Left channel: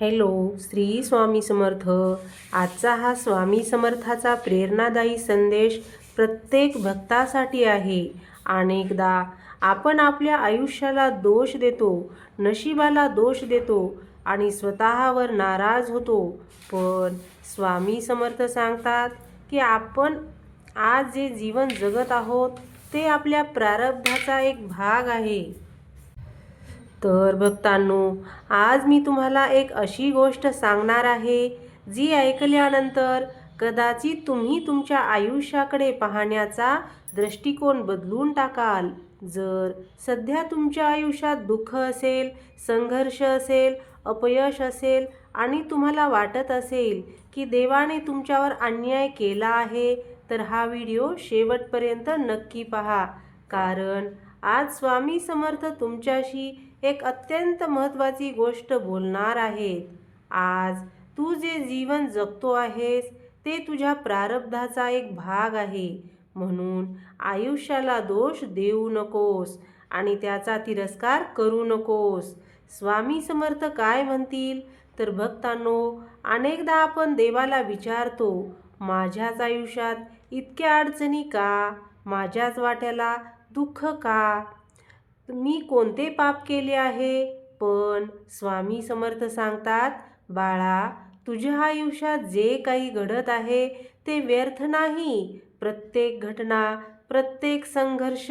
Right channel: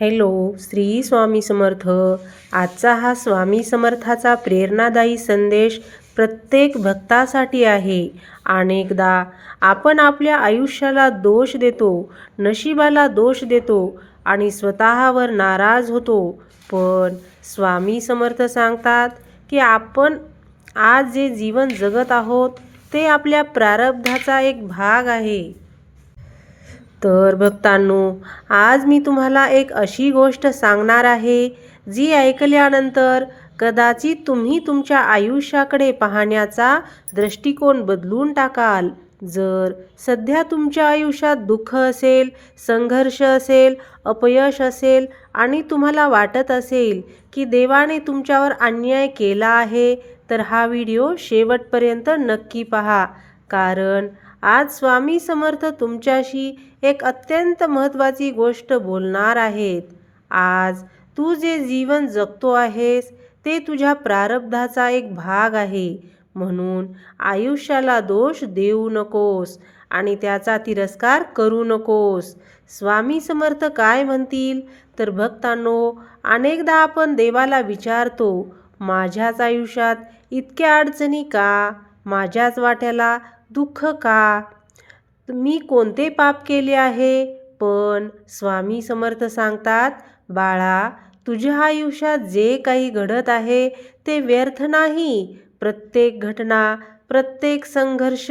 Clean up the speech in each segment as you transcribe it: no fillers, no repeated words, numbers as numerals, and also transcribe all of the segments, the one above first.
Hello, Shri Swami Samarth. आजचा हा स्वामी समर्थाचा प्रेरणादायी संदेश प्रत्येक भक्तासाठी आहे. अनेकदा आपण आपल्या आयुष्याला दोष देतो, नशिबाला दोष देतो आणि स्वतःवर नाराज होतो. पण स्वामी समर्थ सांगतात की आपण आज जे जीवन जगत आहोत ते आपल्या प्रारब्धाचा एक भाग आहे. तर भक्तांनो, आज मी तुम्हाला एक अशी गोष्ट सांगणार आहे जी ऐकल्यानंतर कदाचित तुम्ही तुमच्या आयुष्याकडे पाहण्याचा दृष्टिकोन बदलून टाकाल. जर सध्या तुमच्या आयुष्यात दुःख असेल, संघर्ष असेल, अपयश असेल आणि तुम्हाला वाटत असेल की देवाने तुमच्यावर अन्याय केला आहे, तर हा व्हिडिओ शेवटपर्यंत नक्की पहा. कारण आज स्वामी समर्थ तुमच्याशी एक अत्यंत महत्त्वाची गोष्ट बोलणार आहेत. आज तू जे जीवन जगतो आहेस ते तुझ्या प्रारब्धाचा एक भाग आहे. म्हणून आयुष्याला दोष देऊ नकोस आणि त्याचा तिरस्कार करू नकोस. स्वामी समर्थ काय म्हणतील तर भक्तांनो, अनेकदा आपण देवाला विचारतो, माझ्याच आयुष्यात इतक्या अडचणी का? माझ्याच वाट्याला दुःख का? मी कोणते पाप केले आहे? पण स्वामी समर्थ सांगतात, बाळा, तुझ्या आयुष्यात जे काही घडत आहे ते व्यर्थ नाही. प्रत्येक घटना, प्रत्येक संघर्ष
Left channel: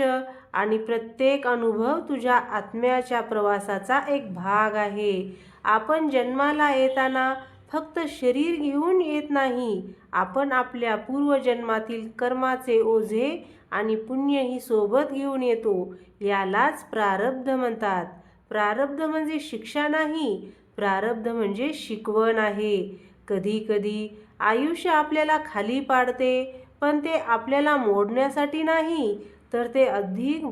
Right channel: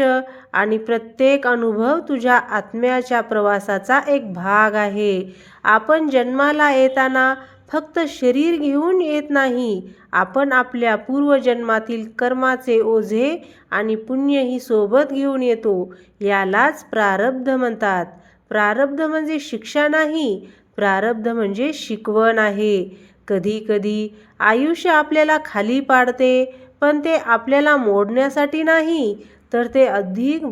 आणि प्रत्येक अनुभव तुझ्या आत्म्याच्या प्रवासाचा एक भाग आहे. आपण जन्माला येताना फक्त शरीर घेऊन येत नाही, आपण आपल्या पूर्वजन्मातील कर्माचे ओझे आणि पुण्यही सोबत घेऊन येतो. यालाच प्रारब्ध म्हणतात. प्रारब्ध म्हणजे शिक्षा नाही, प्रारब्ध म्हणजे शिकवण आहे. कधी कधी आयुष्य आपल्याला खाली पाडते, पण ते आपल्याला मोडण्यासाठी नाही, तर ते अधिक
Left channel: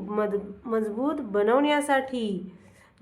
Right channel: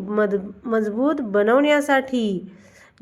मजबूत बनवण्यासाठी.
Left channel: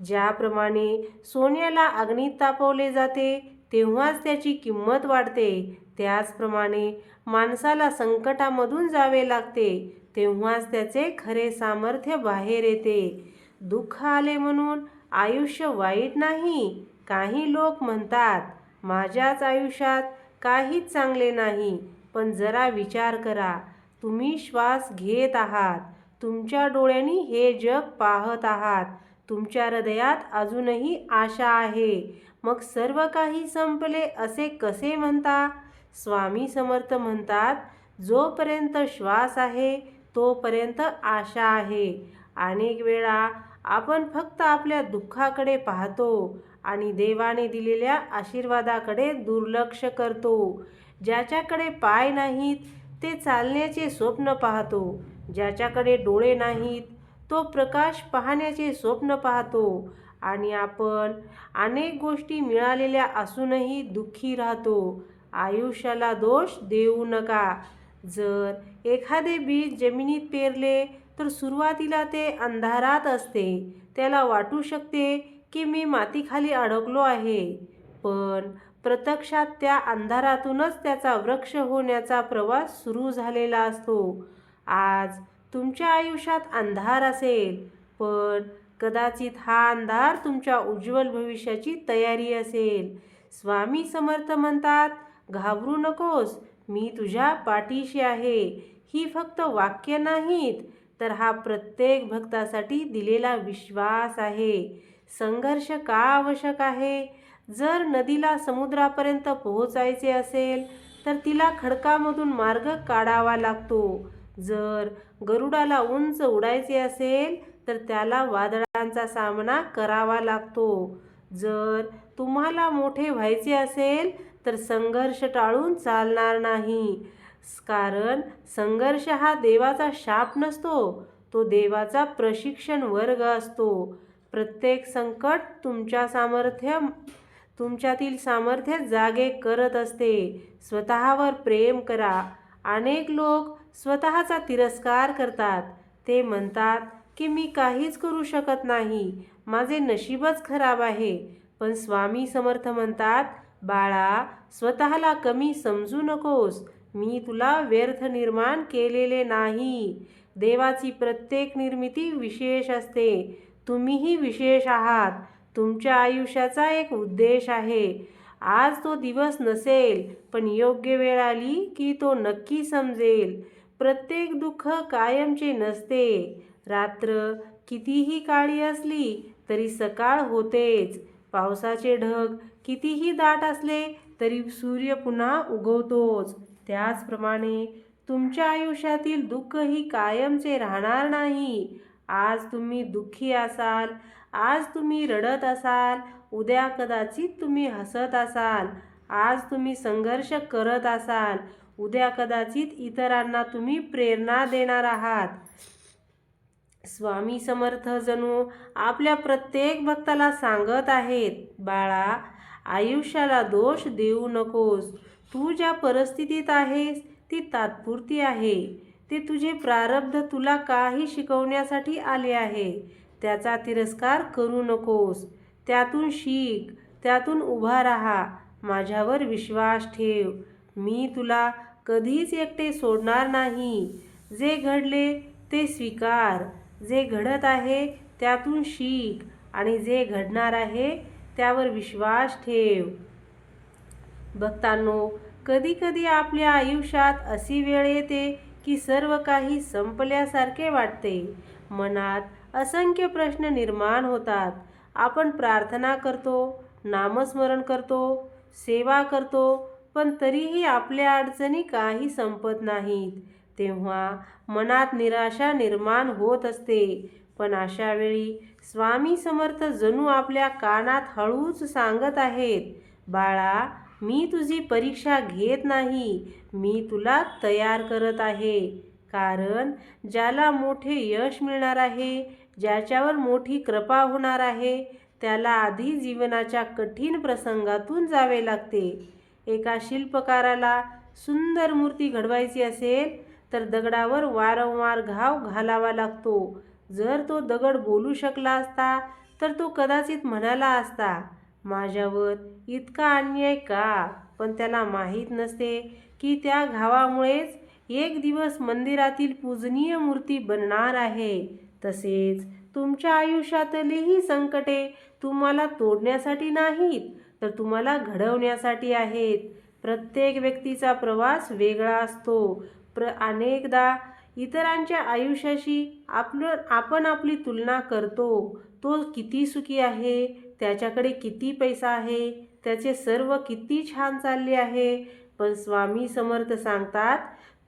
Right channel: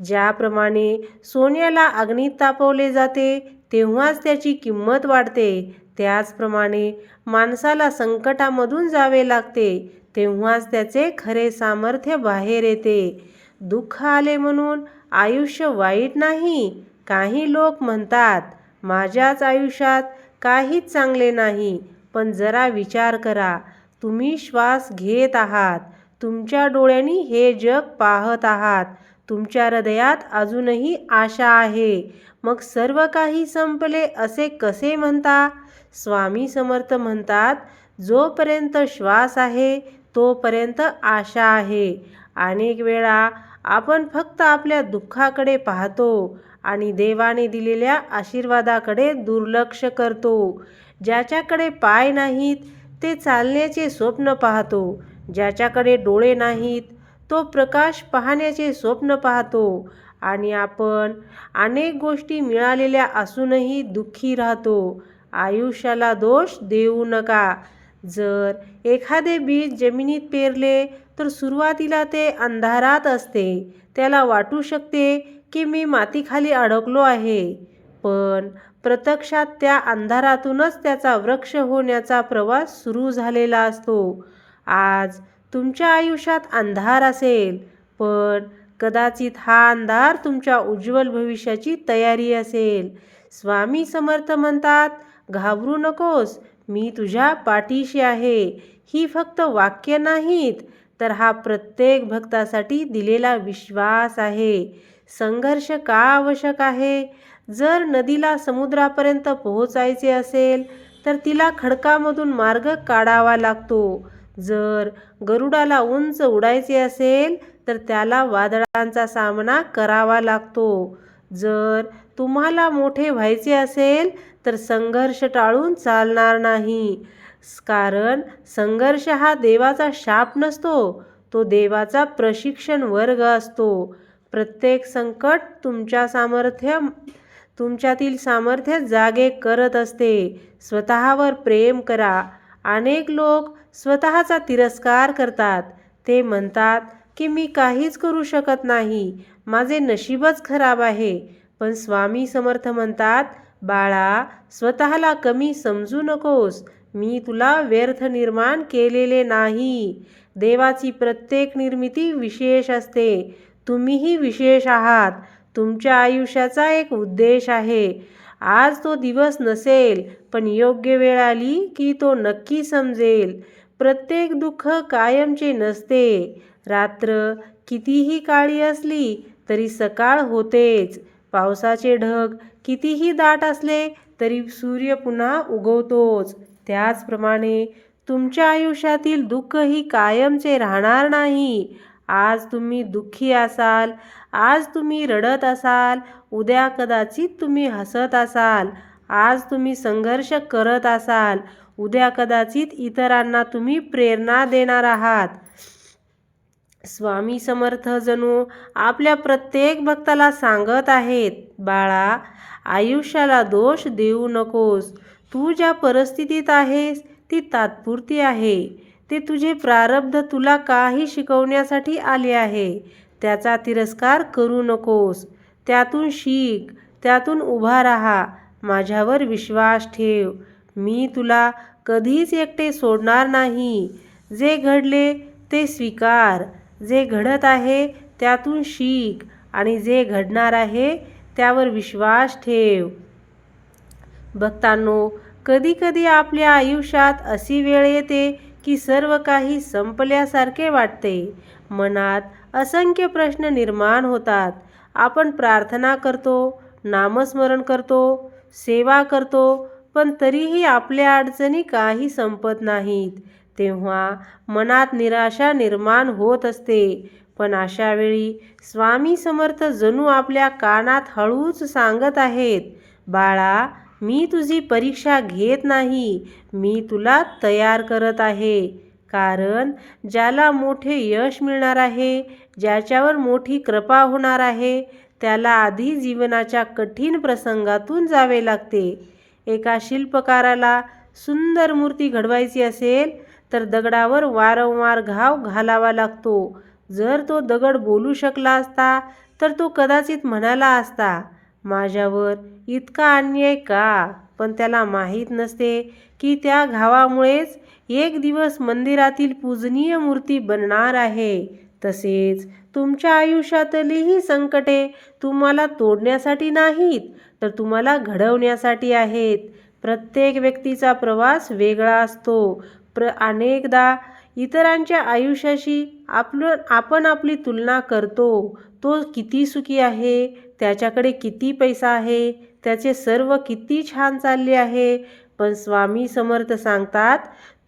ज्याप्रमाणे सोन्याला अग्नीत तापवले जाते तेव्हाच त्याची किंमत वाढते, त्याचप्रमाणे माणसाला संकटामधून जावे लागते तेव्हाच त्याचे खरे सामर्थ्य बाहेर येते. दुःख आले म्हणून आयुष्य वाईट नाही. काही लोक म्हणतात, माझ्याच आयुष्यात काहीच चांगले नाही. पण जरा विचार करा, तुम्ही श्वास घेत आहात, तुमच्या डोळ्यांनी हे जग पाहत आहात, तुमच्या हृदयात अजूनही आशा आहे. मग सर्व काही संपले असे कसे म्हणता? स्वामी समर्थ म्हणतात, जोपर्यंत श्वास आहे तोपर्यंत आशा आहे. अनेक वेळा आपण फक्त आपल्या दुःखाकडे पाहतो आणि देवाने दिलेल्या आशीर्वादाकडे दुर्लक्ष करतो. ज्याच्याकडे पाय नाहीत ते चालण्याचे स्वप्न पाहतो, ज्याच्याकडे डोळे नाहीत तो प्रकाश पाहण्याचे स्वप्न पाहतो आणि आपण अनेक गोष्टी मिळालेल्या असूनही दुःखी राहतो. आयुष्याला दोष देऊ नका. जर एखादे बीज जमिनीत पेरले तर सुरुवातीला ते अंधारात असते. त्याला वाटू शकते की मी मातीखाली अडकलो आहे, पण प्रत्यक्षात त्या अंधारातूनच त्याचा वृक्ष होण्याचा प्रवास सुरू झालेला असतो. आज तुमच्या आयुष्यात अंधार असेल, पण कदाचित हा अंधार तुमच्या उज्ज्वल भविष्याची तयारी असेल. स्वामी समर्थ म्हणतात, घाबरू नकोस, मी तुझ्या पाठीशी आहे. ही फक्त वाक्य नाहीत, तर हा प्रत्येक भक्तासाठी दिलेला विश्वास आहे. संघर्ष का आवश्यक आहे? जर नदीला समुद्रापर्यंत पोहोचायचे असेल तर तिला खडकामधून मार्ग काढावा लागतो. जर गरुडाला उंच उडायचे असेल तर त्याला वादळांचा सामना करावा लागतो. जर तुम्हाला मोठे व्हायचे असेल तर संघर्ष टाळून चालणार नाही. कारण संघर्ष हा देवाचा शाप नसतो, तो देवाचा प्रशिक्षण वर्ग असतो. प्रत्येक संकट तुमच्यातील सामर्थ्य जागे करत असते. स्वतःवर प्रेम करा. अनेक लोक स्वतःचा तिरस्कार करतात. ते म्हणतात की मी काहीच करू शकत नाही, माझे नशीबच खराब आहे. पण स्वामी समर्थ म्हणतात, बाळा, स्वतःला कमी समजू नकोस. मी तुला व्यर्थ निर्माण केलेले नाही. देवाची प्रत्येक निर्मिती विशेष असते. तुम्हीही विशेष आहात. तुमच्या आयुष्याचा एक उद्देश आहे. आज तो दिवस नसेल, पण योग्य वेळ आली की तो नक्की समजेल. प्रत्येक दुःख कायमचे नसते. रात्र कितीही काळी असली तरी सकाळ होतेच. पावसाचे ढग कितीही दाट असले तरी सूर्य पुन्हा उगवतोच. त्याचप्रमाणे तुमच्या आयुष्यातील दुःखही कायमचे राहणार नाही. आज तुम्ही दुःखी असाल, आज तुम्ही रडत असाल, उद्या कदाचित तुम्ही हसत असाल. आज तुम्ही संघर्ष करत असाल, उद्या कदाचित इतरांना तुम्ही प्रेरणा देणार आहात. स्वामी समर्थ जणू आपल्या प्रत्येक भक्ताला सांगत आहेत, बाळा, आयुष्याला दोष देऊ नकोस. तू ज्या परिस्थितीत आहेस ती तात्पुरती आहे. ते तुझे प्रारब्ध तुला काही शिकवण्यासाठी आले आहे. त्याचा तिरस्कार करू नकोस. त्यातून शिक, त्यातून उभा राहा. माझ्यावर विश्वास ठेव. मी तुला कधीच एकटे सोडणार नाही. जे घडले ते स्वीकार. जे घडत आहे त्यातून शिक आणि जे घडणार आहे त्यावर विश्वास ठेव. भक्तांनो, कधीकधी आपल्या आयुष्यात अशी वेळ येते की सर्व काही संपल्यासारखे वाटते. मनात असंख्य प्रश्न निर्माण होतात. आपण प्रार्थना करतो, नामस्मरण करतो, सेवा करतो, पण तरीही आपल्या अडचणी काही संपत नाहीत. तेव्हा मनात निराशा निर्माण होत असते. पण अशा वेळी स्वामी समर्थ जणू आपल्या कानात हळूच सांगत आहेत, बाळा, मी तुझी परीक्षा घेत नाही. मी तुला तयार करत आहे. कारण ज्याला मोठे यश मिळणार आहे, ज्याच्यावर मोठी कृपा होणार आहे, त्याला आधी जीवनाच्या कठीण प्रसंगातून जावे लागते. एका शिल्पकाराला सुंदर मूर्ती घडवायची असेल तर दगडावर वारंवार घाव घालावा लागतो. जर तो दगड बोलू शकला असता तर तो कदाचित म्हणाला असता, माझ्यावर इतका अन्याय का? पण त्याला माहीत नसते की त्या घावामुळेच एक दिवस मंदिरातील पूजनीय मूर्ती बनणार आहे. तसेच तुमच्या आयुष्यातलीही संकटे तुम्हाला तोडण्यासाठी नाहीत, तर तुम्हाला घडवण्यासाठी आहेत. प्रत्येक व्यक्तीचा प्रवास वेगळा असतो. अनेकदा इतरांच्या आयुष्याशी आपण आपली तुलना करतो. तो किती सुखी आहे, त्याच्याकडे किती पैसा आहे, त्याचे सर्व किती छान चालले आहे. पण स्वामी समर्थ सांगतात,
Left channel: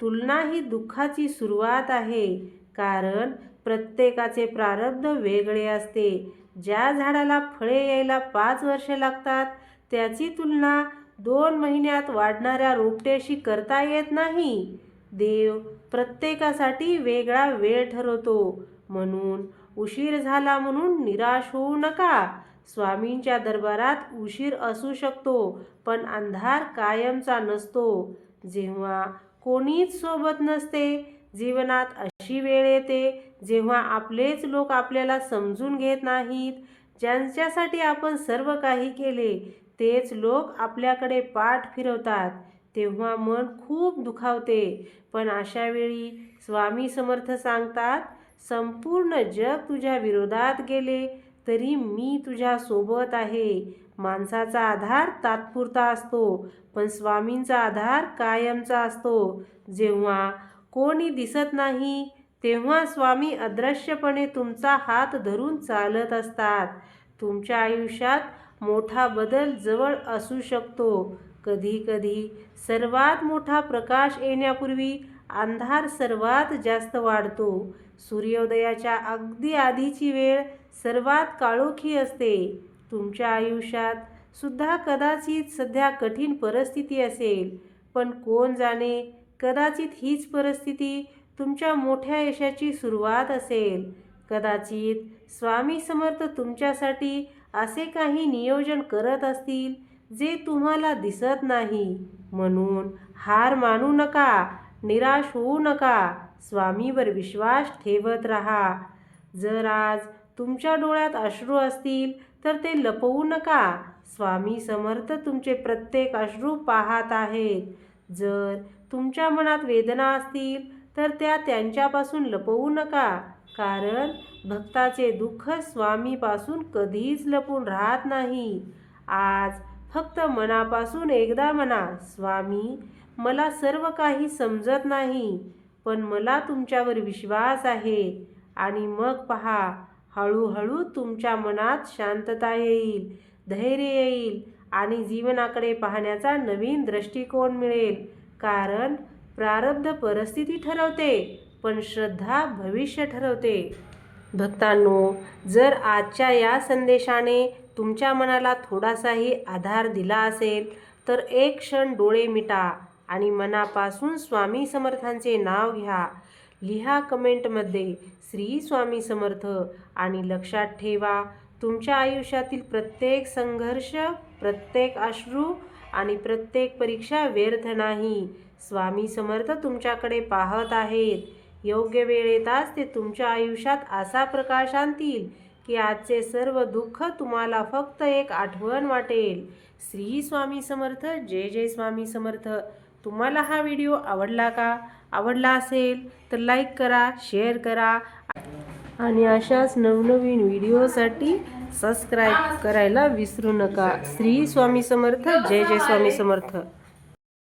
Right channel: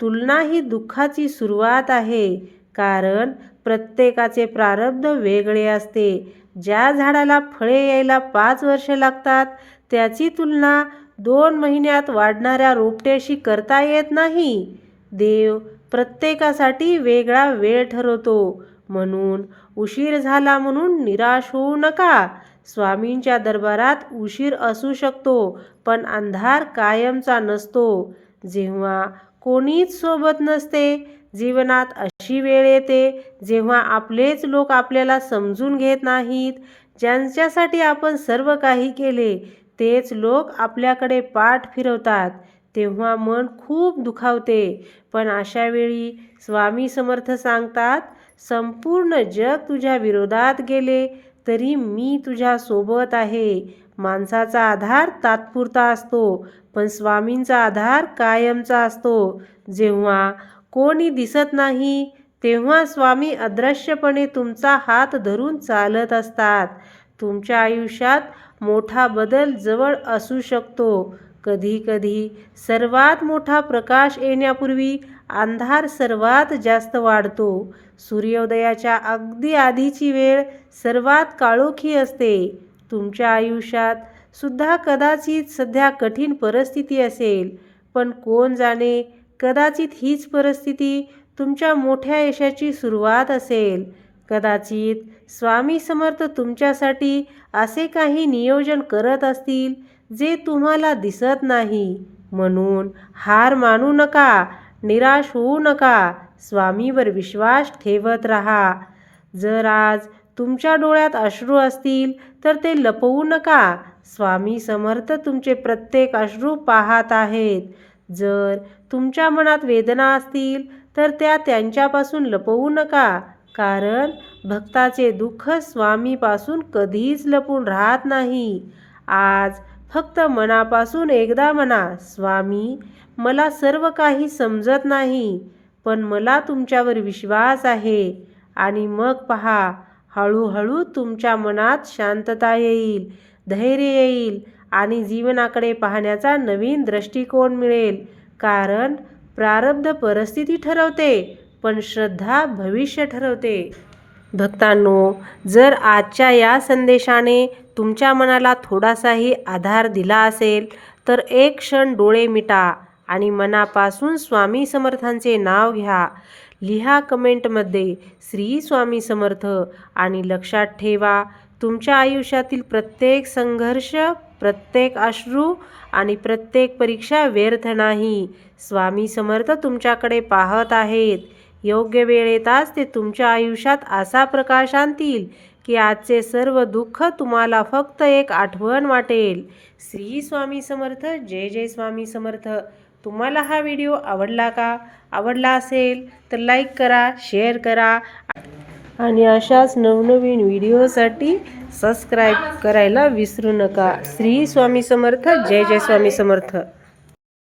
तुलना ही दुःखाची सुरुवात आहे. कारण प्रत्येकाचे प्रारब्ध वेगळे असते. ज्या झाडाला फळे यायला 5 वर्षे लागतात, त्याची तुलना 2 महिन्यात वाढणाऱ्या रोपट्याशी करता येत नाही. देव प्रत्येकासाठी वेगळा वेळ ठरवतो. म्हणून उशीर झाला म्हणून निराश होऊ नका. स्वामींच्या दरबारात उशीर असू शकतो, पण अंधार कायमचा नसतो. जेव्हा कोणीच सोबत नसते, जीवनात अशी वेळ येते जेव्हा आपलेच लोक आपल्याला समजून घेत नाहीत. ज्यांच्यासाठी आपण सर्व काही केले तेच लोक आपल्याकडे पाठ फिरवतात. तेव्हा मन खूप दुखावते. पण अशा वेळी स्वामी समर्थ सांगतात, संपूर्ण जग तुझ्या विरोधात गेले तरी मी तुझ्या सोबत आहे. माणसाचा आधार तात्पुरता असतो, पण स्वामींचा आधार कायमचा असतो. जेव्हा कोणी दिसत नाही तेव्हा स्वामी अदृश्यपणे तुमचा हात धरून चालत असतात. तुमच्या आयुष्यात मोठा बदल जवळ असू शकतो. कधीकधी सर्वात मोठा प्रकाश येण्यापूर्वी अंधार सर्वात जास्त वाढतो. सूर्योदयाच्या अगदी आधीची वेळ सर्वात काळोखी असते. तुमच्या आयुष्यात सुद्धा कदाचित सध्या कठीण परिस्थिती असेल, पण कोण जाणे, कदाचित हीच परिस्थिती तुमच्या मोठ्या यशाची सुरुवात असेल. कदाचित स्वामी समर्थ तुमच्यासाठी असे काही नियोजन करत असतील जे तुम्हाला दिसत नाही. म्हणून हार मानू नका, निराश होऊ नका. स्वामीवर विश्वास ठेवत राहा. जर आज तुमच्या डोळ्यात अश्रू असतील तर ते लपवू नका. स्वामी समर्थ तुमचे प्रत्येक अश्रू पाहत आहेत. जर तुमच्या मनात वेदना असतील तर त्या त्यांच्यापासून लपवू नका. कारण भक्ताचे दुःख स्वामीपासून कधीच लपून राहत नाही. आज फक्त मनापासून एकदा म्हणा, स्वामी, मला सर्व काही समजत नाही, पण मला तुमच्यावर विश्वास आहे. आणि मग पहा, हळूहळू तुमच्या मनात शांतता येईल, धैर्य येईल आणि जीवनाकडे पाहण्याचा नवीन दृष्टिकोन मिळेल. कारण प्रारब्ध परिस्थिती ठरवते, पण श्रद्धा भविष्य ठरवते. भक्तांनो, जर आजच्या या संदेशाने तुमच्या मनाला थोडासाही आधार दिला असेल तर एक क्षण डोळे मिटा आणि मनापासून स्वामी समर्थांचे नाव घ्या. लिहा कमेंटमध्ये श्री स्वामी समर्थ आणि लक्षात ठेवा, तुमच्या आयुष्यातील प्रत्येक संघर्ष, प्रत्येक अश्रू आणि प्रत्येक परीक्षा व्यर्थ नाही. स्वामी समर्थ तुमच्याकडे पाहत आहेत. योग्य वेळ येताच ते तुमच्या आयुष्यात असा प्रकाश आणतील की आजचे सर्व दुःख तुम्हाला फक्त एक आठवण वाटेल. श्री स्वामी समर्थ. जय जय स्वामी समर्थ. तुम्हाला हा व्हिडिओ आवडला का? आवडला असेल तर लाईक करा, शेअर करा आणि अशाच नवनवीन व्हिडिओसाठी सबस्क्राईब करायला विसरू नका. श्री स्वामी समर्थ. जय जय स्वामी समर्थ.